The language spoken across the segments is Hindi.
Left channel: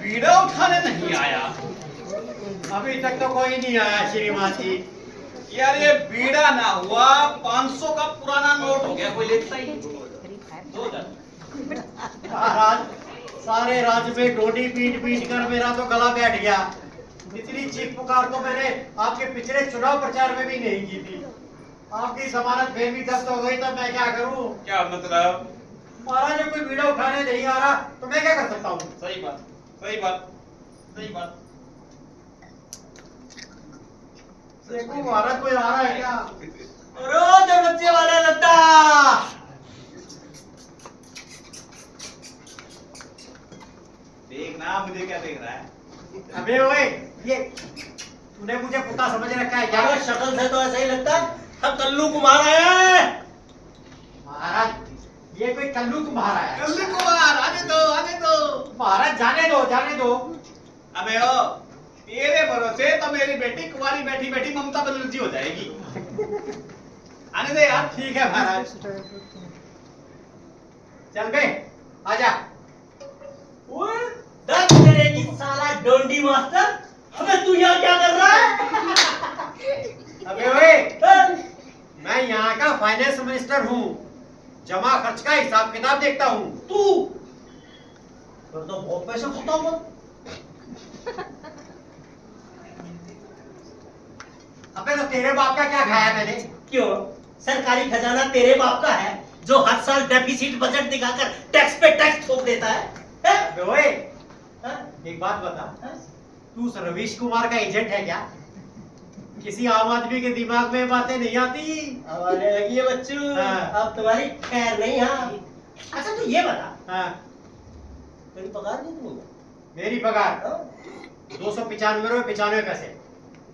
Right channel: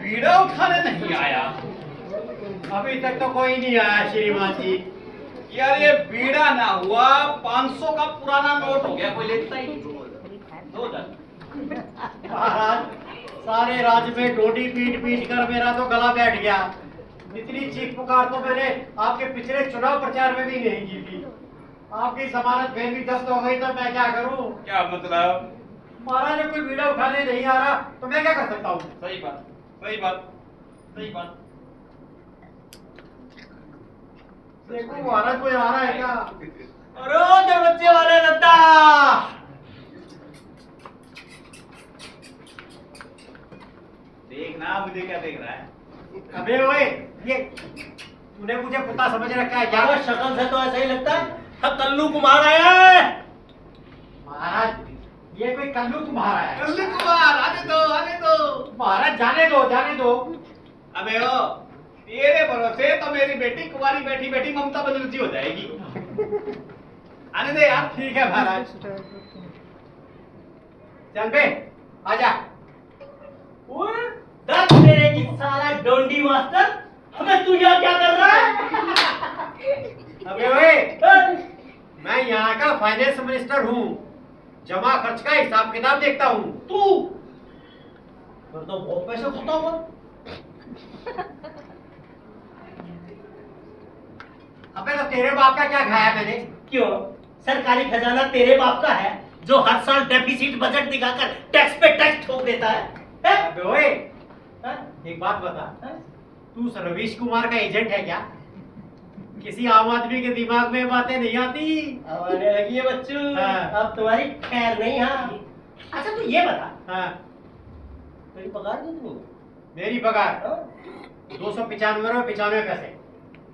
बीड़ा उठाने नहीं आया? अभी तक तो कोई नहीं आया श्रीमान जी। यार ये बीड़ा ना हुआ 500 का पुराना नोट हो गया, कोई लेता ही नहीं। 2000। महाराज सारे राज्य में डोडी पीट पीट कर मेरा तो गला बैठ गया। इतनी चीख पुकार तो मैंने आपके पिछले चुनाव प्रचार में भी नहीं की थी। आपकी जमानत फिर भी जब्त हो गई तो मैं क्या करूं? क्या मतलब? महाराज जब कोई बीड़ा उठाने नहीं आ रहा तो मैं क्या कर सकता हूँ? सही बात, सही बात, सही बात। देखो महाराज कोई आ रहा है क्या? अरे जो बच्चे वाले लता देखना मुझे क्या देख रहा है? अबे ओए ये तूने मुझे पुता समझ रखा है क्या? क्या शक्ल से तो ऐसा ही लगता है। अब कल्लू कुमार आया है। महाराज ये कोई कल्लू तुम्हारा है? कल्लू कुमार आने दो, आने दो। महाराज जाने दो, जाने दो। अबे ओ, तेरे भरोसे तो मेरी बेटी कुंवारी बैठी बैठी ममता बनर्जी हो जाएगी। आने दे यार। ठीक है महाराज। चल बे आजा। ओए दस तेरे की साला डोंडी मास्टर, हमें तू यहाँ क्या कर रहा है? अबे ओए मैं यहाँ का फाइनेंस मिनिस्टर हूँ। जमा खर्च का हिसाब किताब देखता हूँ। तू फिर तो बहुत पैसे खाता हुआ। अबे तो तेरे बाप का क्या खाया मैंने? क्यों? सरकारी खजाना तेरे बाप का है जो हर साल डेफिसिट बजट दिखाकर टैक्स पे टैक्स ठोक देता है? अबे ओए हैं? एक बात बता, हैं? तू रवीश कुमार का एजेंट है क्या? किसी आम आदमी के दिमाग में बातें नहीं आती। अब आने लगी है बच्चू। हाँ। अब तुम्हारी खैर नहीं। हाँ अच्छा तू ये बता, हाँ तेरी पगार कितनी है? मेरी पगार हाँ? 295 पैसे।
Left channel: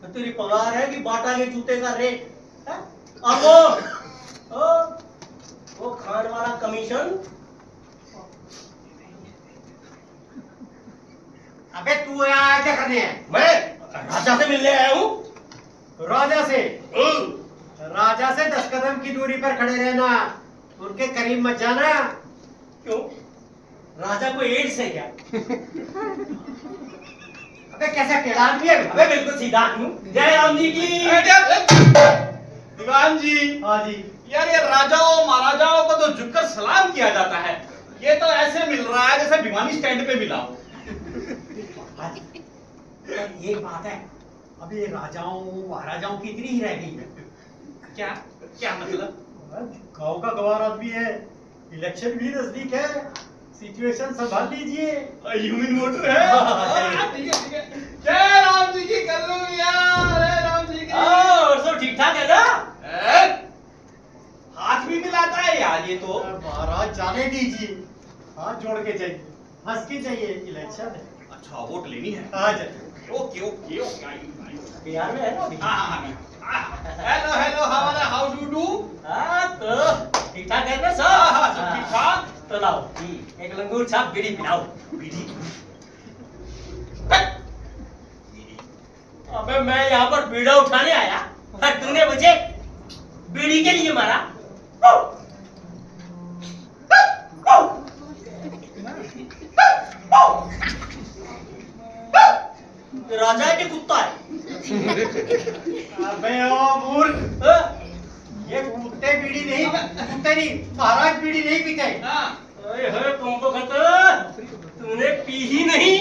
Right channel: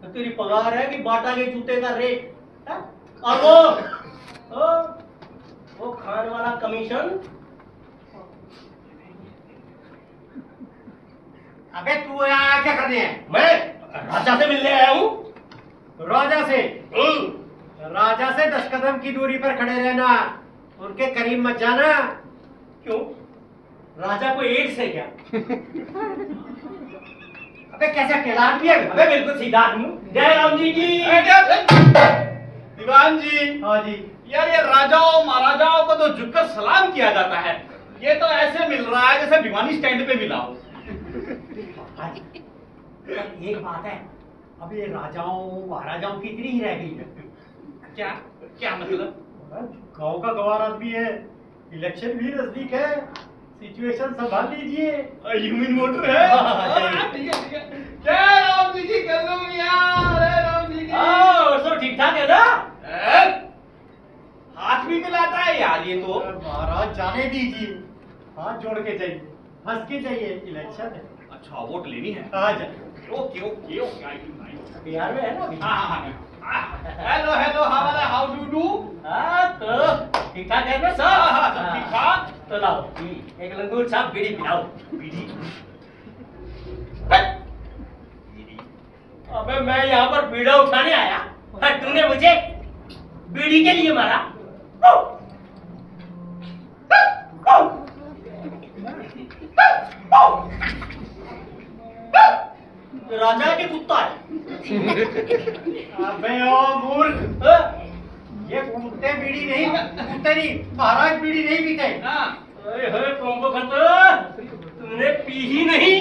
तो तेरी पगार है कि बाटा के जूते का रेट है? और वो खान वाला कमीशन। अबे तू यहाँ क्या करने है? मैं राजा से मिलने आया हूँ। राजा से? राजा से 10 कदम की दूरी पर खड़े रहना, उनके करीब मत जाना। क्यों? राजा को एड्स है क्या? अबे कैसे टेढ़ा आदमी है? अबे बिल्कुल सीधा आदमी। जय राम जी की। दीवान जी। हाँ जी। यार ये राजाओं महाराजाओं को तो झुककर सलाम किया जाता है, ये तो ऐसे मिल रहा है जैसे भिवानी स्टैंड पे मिला हो। पर ये बात है, अब ये राजाओं महाराजाओं की इतनी ही रह गई है। क्या क्या मतलब? गांव का गवार आदमी है, इलेक्शन भी नजदीक है, सिचुएशन संभाल लीजिए। ह्यूमन वोटर है। हाँ, ठीक है ठीक है। जय राम जी की कर लो यार, जय राम जी की। और सब ठीक ठाक है ना? हाथ भी मिलाता है यार ये तो। महाराज जाने दीजिए, हाथ जोड़ के जाइए, हंस के जाइए, इलेक्शन है। अच्छा वोट लेनी है? हाँ जाइए। Okay okay okay. बिहार में है ना अभी? Hello hello how do do? हाँ तो ठीक ठाक है ना सब? हाँ, सब ठीक ठाक। तो लाओ एक लंगूर छाप बीड़ी पिलाओ। बीड़ी? अबे मैं यहाँ पर बीड़ा उठाने आया और तूने मुझे बीड़ी के लिए मारा। राजा के कुत्ता है। अबे ओ मूर्ख, ये कुत्ते बीड़ी नहीं, कुत्ते नहीं, महाराज बीड़ी नहीं पीते। हाँ। ओए होए कौन खतर, तूने पी ही नहीं?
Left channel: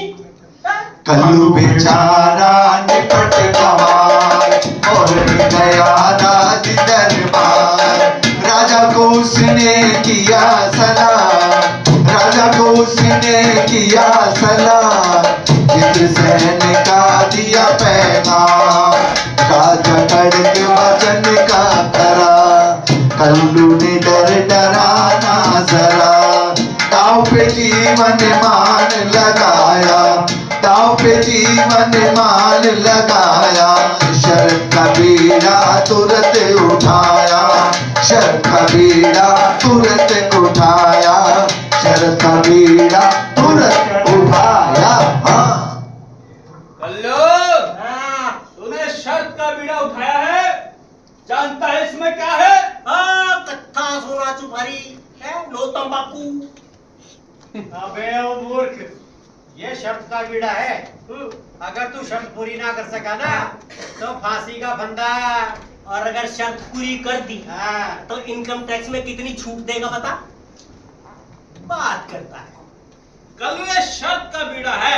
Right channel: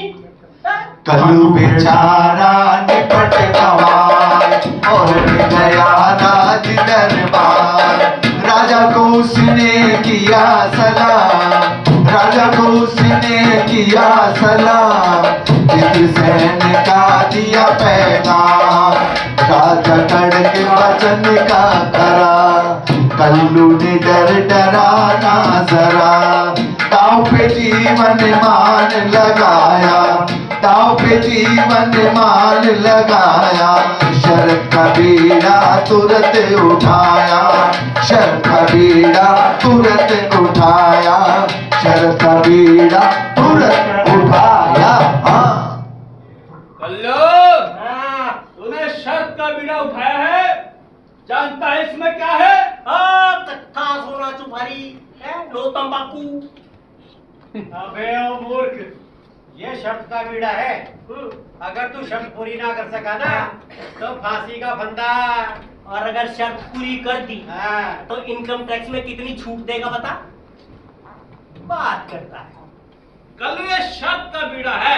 कल्लू बेचारा निपट कमाल और गया राज दरबार। राजा को उसने किया सलाम, राजा को उसने किया सलाम। इंद्रसेन का दिया पैगाम, राजा खड़ग वचन का करा। कल्लू ने डराना जरा, दाव पे जीवन मान लगाया, दाव पे जीवन मान लगाया। शर्त का बीड़ा तुरंत उठाया, शर्त का बीड़ा तुरंत उठाया, शर्त का बीड़ा तुरंत उठाया। हाँ कल्लू, हाँ तूने शर्त का बीड़ा उठाया है, जानता है इसमें क्या है? हाँ कट्ठा सोना चुपारी है, लो तंबाकू। अबे ओ मूर्ख, ये शर्त का बीड़ा है। अगर तू शर्त पूरी ना कर सका ना तो फांसी का फंदा। और अगर शर्त पूरी कर दी हाँ। तो इनकम टैक्स में कितनी छूट देगा बता? बात करता है। कल ये शर्त का बीड़ा है,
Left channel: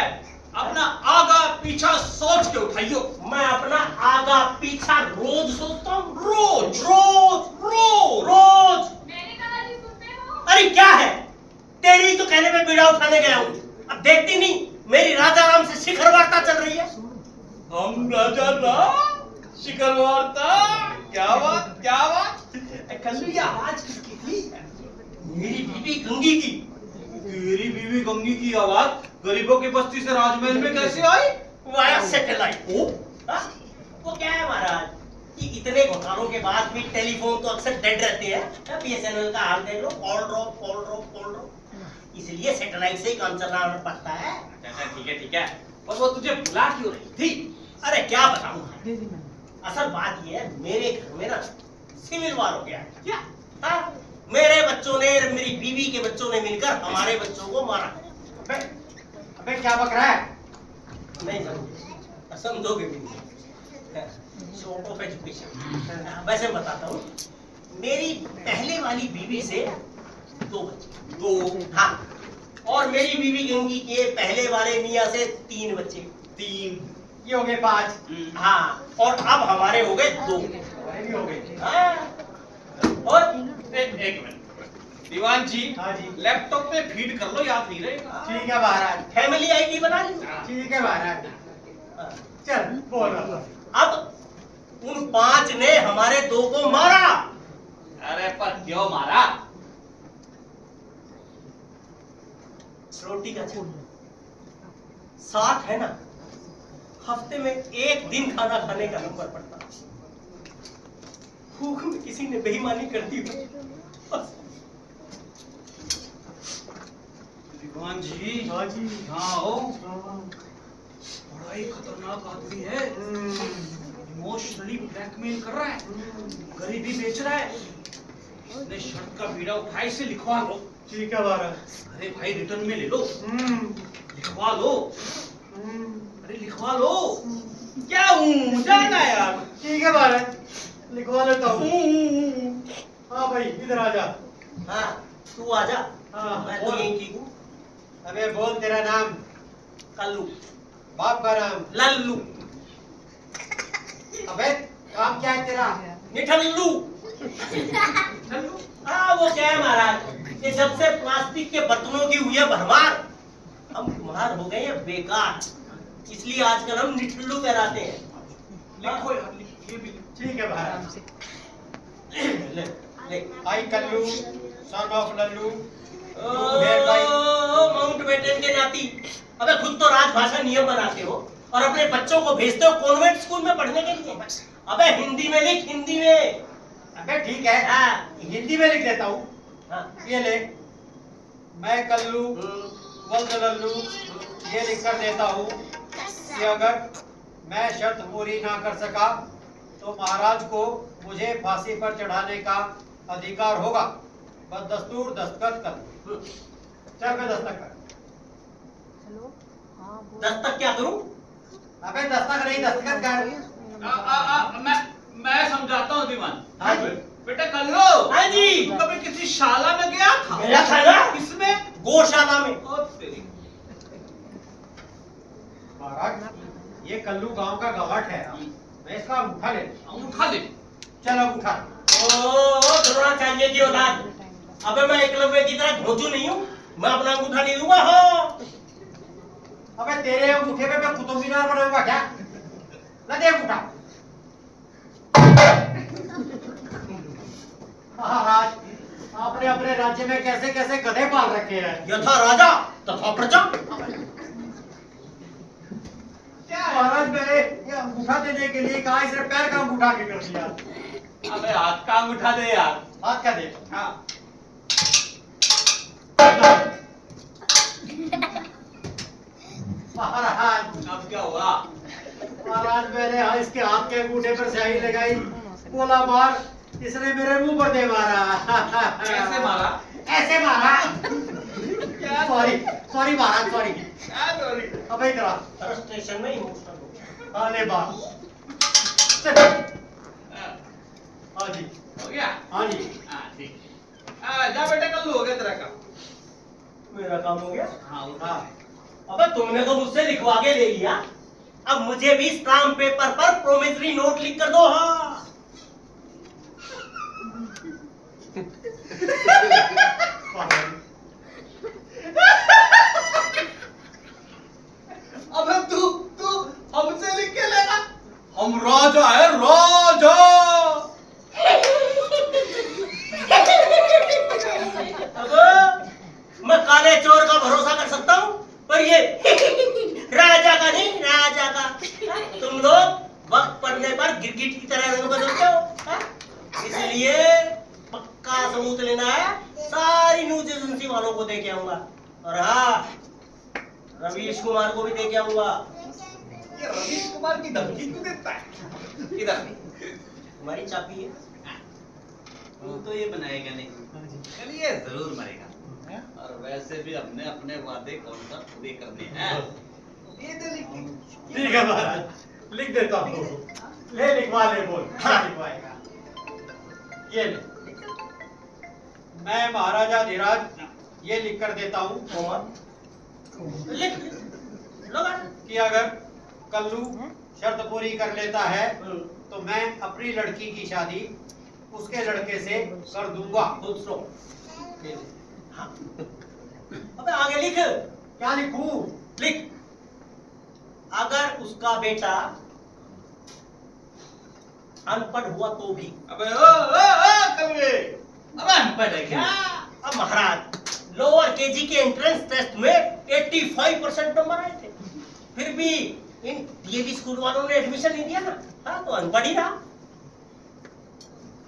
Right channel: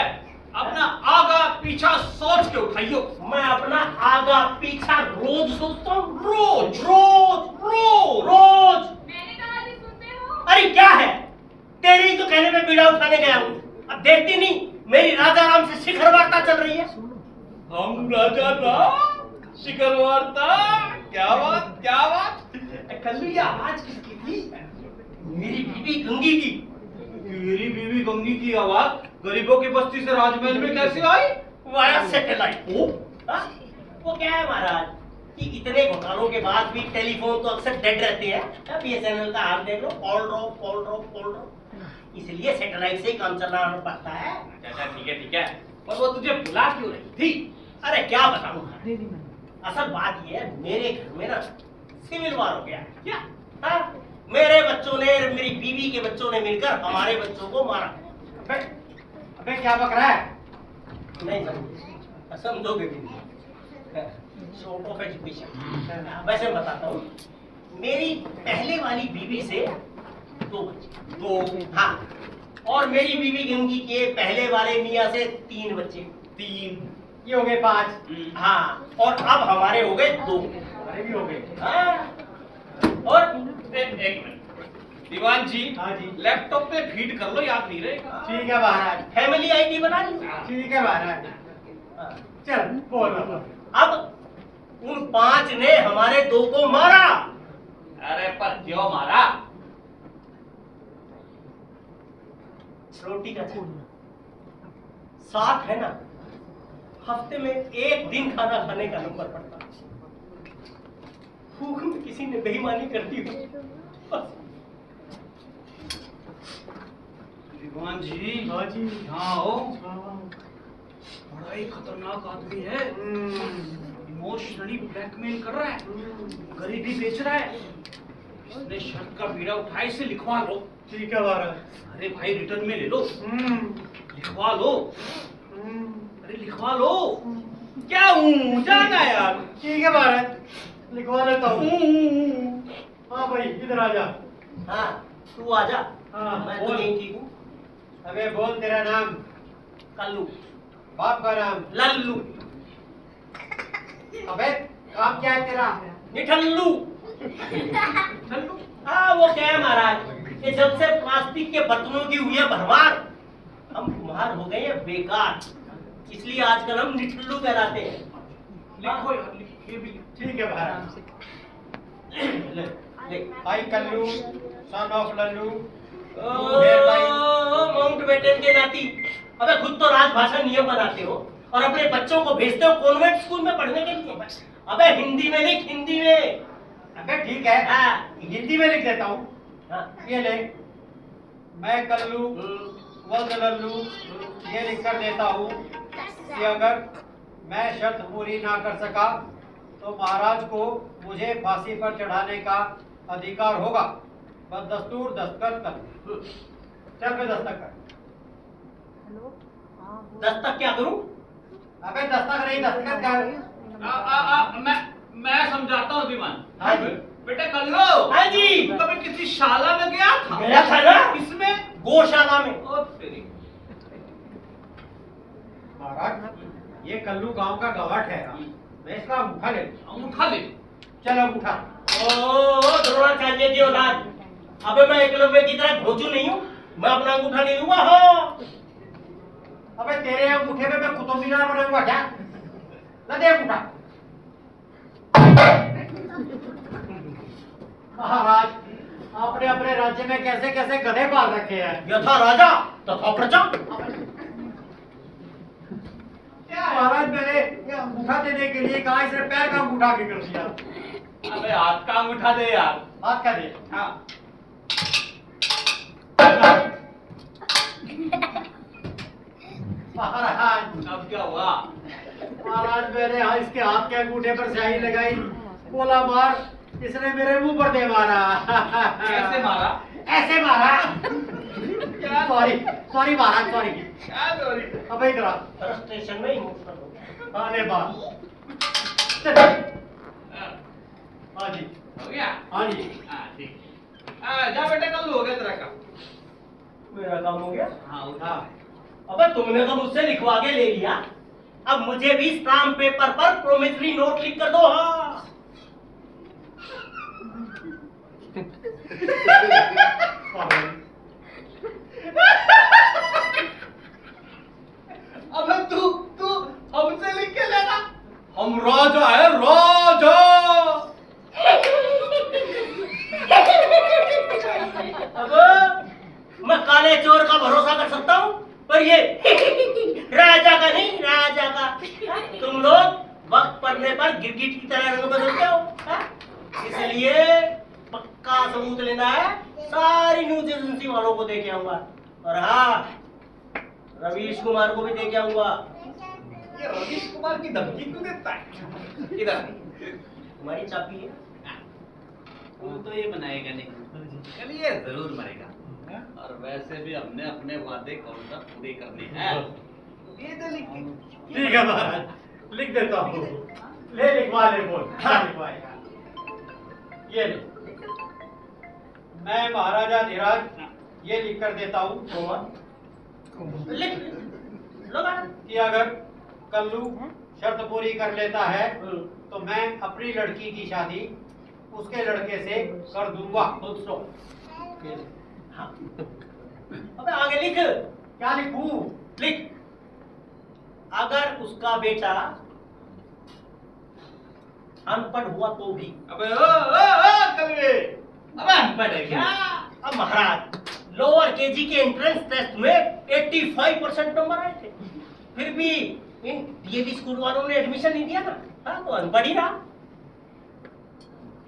अपना आगा पीछा सोच के उठाइयो। मैं अपना आगा पीछा रोज सोचता हूँ। रोज रोज रोज रोज। मैंने कहा जी सुनते हो? अरे क्या है, तेरी तो कहने पे बीड़ा उठाने गया हूँ। अब देखती नहीं मेरी राजा राम से शिखर वार्ता चल रही है। हम राजा राम शिखर वार्ता। क्या बात क्या बात। कल्लू ये आवाज किसकी थी? मेरी बीबी गंगी की। तेरी बीवी गंगी की आवाज गरीबों की बस्ती से राजमहल में कैसे आई? Via satellite. ओ वो क्या है महाराज कि इतने घोटालों के बाद भी टेलीफोन तो अक्सर डेड रहते हैं। बीएसएनएल का हाल देख लो, कॉल ड्रॉप। इसलिए सैटेलाइट से ही काम चलाना पड़ता है। अच्छा ठीक है पर वो तुझे बुला क्यों रही थी? अरे क्या बताऊं, असल बात ये है मेरे घर में ना सिविल वार हो गया है। क्या? हाँ, मेरे बच्चों ने मेरी बीवी के बच्चों ने मिलकर हमारे बच्चों को मारा। अबे क्या बक रहा है? नहीं समझे, समझोगे भी नहीं। Short of education. वैसे बताता हूँ, मेरी पहले वाली बीवी से 2 बच्चे। 2 हाँ, और मेरी बीवी गंगी के पहले वाले मियाँ से 3 बच्चे। 3 ये हो गए 5। हाँ, और अब हमारे हो गए 2। अरे भी हो गए। हाँ, और एक मिनट दीवान जी। हाँ जी। लैपटॉप पे फीड कर लो, याद नहीं रहेगा। ठीक है महाराज। फैमिली आईडी बना ली। ठीक है महाराज। हाँ, चल बोल। अब उन 5 ने हमारे 2 को मारा। अरे पर क्यों मारा? रोटी का साथ है ना, हफ्ते में 1 दिन खाना खाने का नंबर पड़ता। भूख में किसी ने बेईमानी कर दी हो। दीवान जी। हाँ जी। हाँ हो। बड़ा ही खतरनाक आदमी है। इमोशनली ब्लैकमेल कर रहा है, गरीबी बेच रहा है। उसने शर्त का बीड़ा उठाए से लिखवा लो। ठीक है महाराज। अरे भाई रिटर्न में ले लो, लिखवा लो। अरे लिखवा लो। क्या हूँ जाना यार। ठीक है महाराज, लिखवा लेता हूँ। हाँ भाई इधर आ जा। हाँ, तू आजा। हाँ, मैं तो बोल। यहीं की हूँ। अबे बोल तेरा नाम, कल्लू। बाप का नाम। लल्लू। अबे काम क्या है तेरा? मिठल्लू। चलो। हाँ, वो क्या है महाराज, ये जब से प्लास्टिक के बर्तनों की हुई है भरमार, हम कुम्हार हो गए हैं बेकार। इसलिए आजकल हम निठल्लू कहलाते हैं। लिखो यार, लिखो ये भी लिखो। ठीक है महाराज। ले, ले। I Kallu son of Lallu. Mountbatten के नाती, अबे खुद तो राजभाषा नियम बनाते हो और अपने बच्चों को भेजते हो कॉन्वेंट स्कूल में पढ़ने के लिए। अबे हिंदी में लिख, हिंदी में। अबे ठीक है, हाँ। हिंदी में लिख देता हूँ। हाँ। ये ले, मैं कल्लू वल्द लल्लू ये लिख कर देता हूँ कि अगर मैं शर्त पूरी ना कर सका तो महाराज को मुझे फांसी पर चढ़ाने का अधिकार होगा। बस दस्तूर दस्तखत कर। चल पे दस्तखत कर। दस्तक क्या करूं? अबे दस्तखत नहीं, दस्तखत कर। मैं समझाता हूँ दीवान। हाँ जी। बेटा कल्लो। हाँ जी। तू कभी किसी शाला में गया था? गया था ना। किसमें? गौशाला में। ओ तेरी। महाराज ये कल्लू गांव का गवाठ है, मैं इसका अंगूठा ले लूं। उठा ले। चल अंगूठा। ओ द्रोणाचार्य की औलाद, अबे मैं एकलव्य की तरह घोंचू नहीं हूँ, मैं अपना अंगूठा ले लूंगा। हाँ। अबे तेरे अंगूठे पे मैं कुतुब मीनार बनाऊंगा क्या? ना दे अंगूठा। महाराज आपने अपने राज्य में कैसे कैसे गधे पाल रखे हैं। यथा राजा तथा प्रजा। क्या महाराज मैंने ये अंगूठा देने के लिए कहा, इसने पैर का अंगूठा आगे कर दिया। अबे हाथ का अंगूठा दे यार। हाथ का दे। हाँ। महाराज अब क्या हुआ? महाराज मैंने इसके हाथ के अंगूठे पर स्याही लगाई, बोला मार, इसने मेरे मुंह पर दे मारा। कैसे मारा? ऐसे मारा। सॉरी सॉरी महाराज सॉरी। सॉरी। अबे इधर आ। फ्रस्ट्रेशन में इमोशनल हो गया। अरे बाप। चल। हाँ जी। हो गया? हाँ जी। ठीक है। जा बेटा, कल हो गया तेरा काम। मेरा काम हो गया। हाँ हाँ। अबे तुमने तो मुझसे लिखवा के ले लिया, अब मुझे भी स्टाम्प पेपर पर प्रोमिसरी नोट लिख कर दो। हाँ अबे तू तू हमसे लिख के लेगा? हम राजा है, राजा। अब मैं काले चोर का भरोसा कर सकता हूँ, पर ये राजा का नहीं, राजा का। तुम लोग वक्त पड़ने पर गिरगिट की तरह रंग बदलते हो। हाँ? इसलिए पक्का सबूत लेना है, सारी न्यूज एजेंसी वालों को दे के आऊंगा, और हाँ रवीश कुमार को भी दे के आऊंगा। ये रवीश कुमार की धमकी क्यों देता है? इधर हमारी चाबी है। तू तो ये बनाएगा नहीं, कल ये जरूर मरेगा। और वैसे भी हमने अपने वादे कौन सा पूरे करने हैं। ये तो लिख। ठीक है महाराज, लिख देता हूँ। ले लिखवा ले, बोल क्या लिखवाएगा? ये ले। मैं महाराजा धीराज ये लिख कर देता हूँ लिख लो कि अगर कल्लू शर्त पूरी कर लेता है तो मैं अपनी लड़की की शादी उसके लड़के से कर दूंगा। खुद सो। हाँ। अबे आगे लिख। क्या लिखूं? लिख, अगर उसका बेटा अनपढ़ हुआ तो भी। अबे ओ कलवे, अबे अनपढ़ है क्या? अब महाराज लोअर केजी के एंट्रेंस टेस्ट में 85% नंबर आए थे, फिर भी इन डीएवी स्कूल वालों ने एडमिशन नहीं दिया ना। हाँ तो अनपढ़ ही रहा।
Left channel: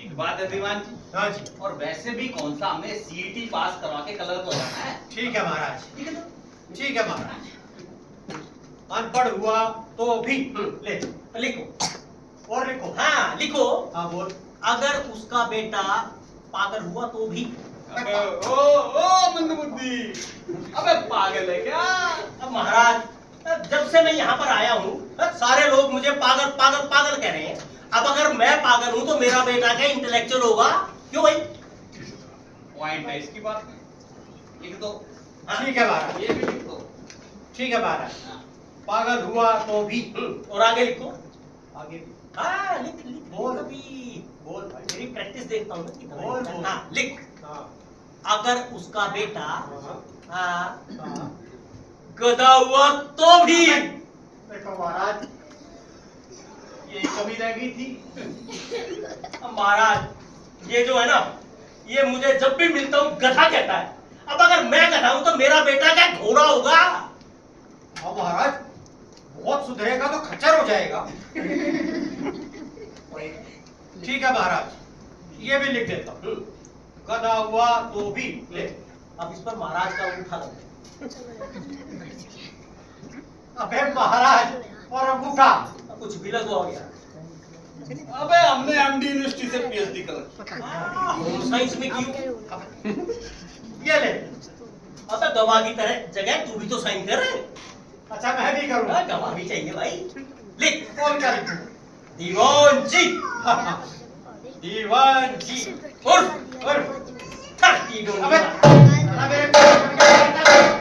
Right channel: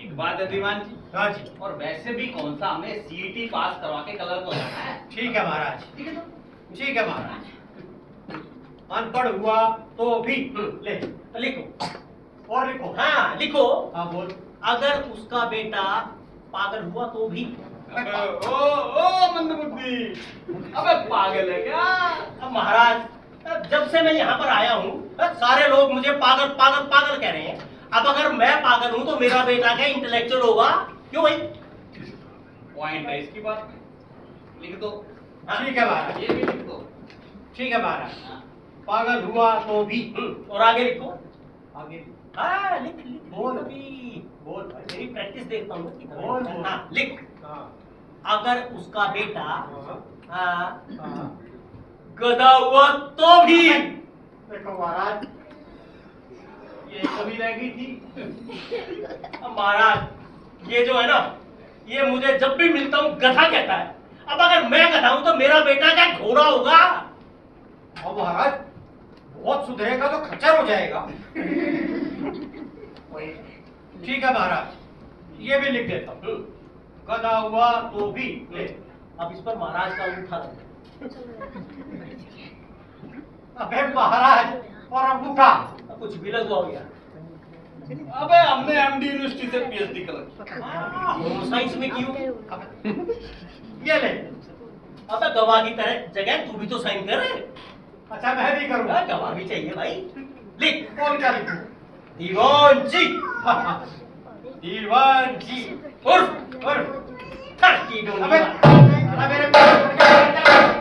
एक बात है दीवान जी, हाँ जी। और वैसे भी कौन सा हमें सीईटी पास करवा के कलर को जाना है। ठीक है महाराज, ठीक है तो ठीक है महाराज। अनपढ़ हुआ तो भी ले लिखो। और लिखो। हाँ लिखो, हाँ बोल। अगर उसका बेटा पागल हुआ तो भी। अबे ओ मंदबुद्धि, अबे पागल है क्या? अब महाराज जब से मैं यहाँ पर आया हूँ सारे लोग मुझे पागल पागल पागल कह रहे हैं। अब अगर मैं पागल हूँ तो मेरा बेटा क्या इंटेलेक्चुअल होगा? क्यों भाई? पॉइंट है इसकी बात में, लिख दो। ठीक है महाराज, ये भी लिख दो। ठीक है महाराज। हाँ। पागल हुआ तो भी। और आगे लिखो। आगे भी। हाँ लिख लिख बोल। अभी बोल भाई। मेरी प्रैक्टिस देखता हूँ ना कितना बोल, है। बोल। हाँ लिख, हाँ, अगर उसका बेटा हाँ, हाँ, हाँ। गधा हुआ तो भी। देखो महाराज, ये कमी रह गई थी। अब महाराज ये जो है ना, ये मुझे जब भी मिलता हूँ गधा कहता है। अब अगर मैं गधा हूँ तो मेरा बेटा क्या घोड़ा होगा? और महाराज बहुत सुधरेगा तो खच्चर हो जाएगा। ठीक है महाराज, ये भी लिख देता हूँ। गधा हुआ तो भी ले। अब इस पर महाराज का अंगूठा लग। अबे महाराज और अंगूठा। कुछ भी लगवा गया। अबे हमने एमडी यूनिवर्सिटी से पीएचडी कर रखी। होम साइंस में क्यों? ये ले। अबे गवाह की तरह जगह तू भी तो साइन कर। अच्छा मैं भी करूँगा। गवाह भी चाहिए भाई। लिख, कौन क्या लिखूं? दीवान जी। दीवान जी। उर्फ 30 अबे अबे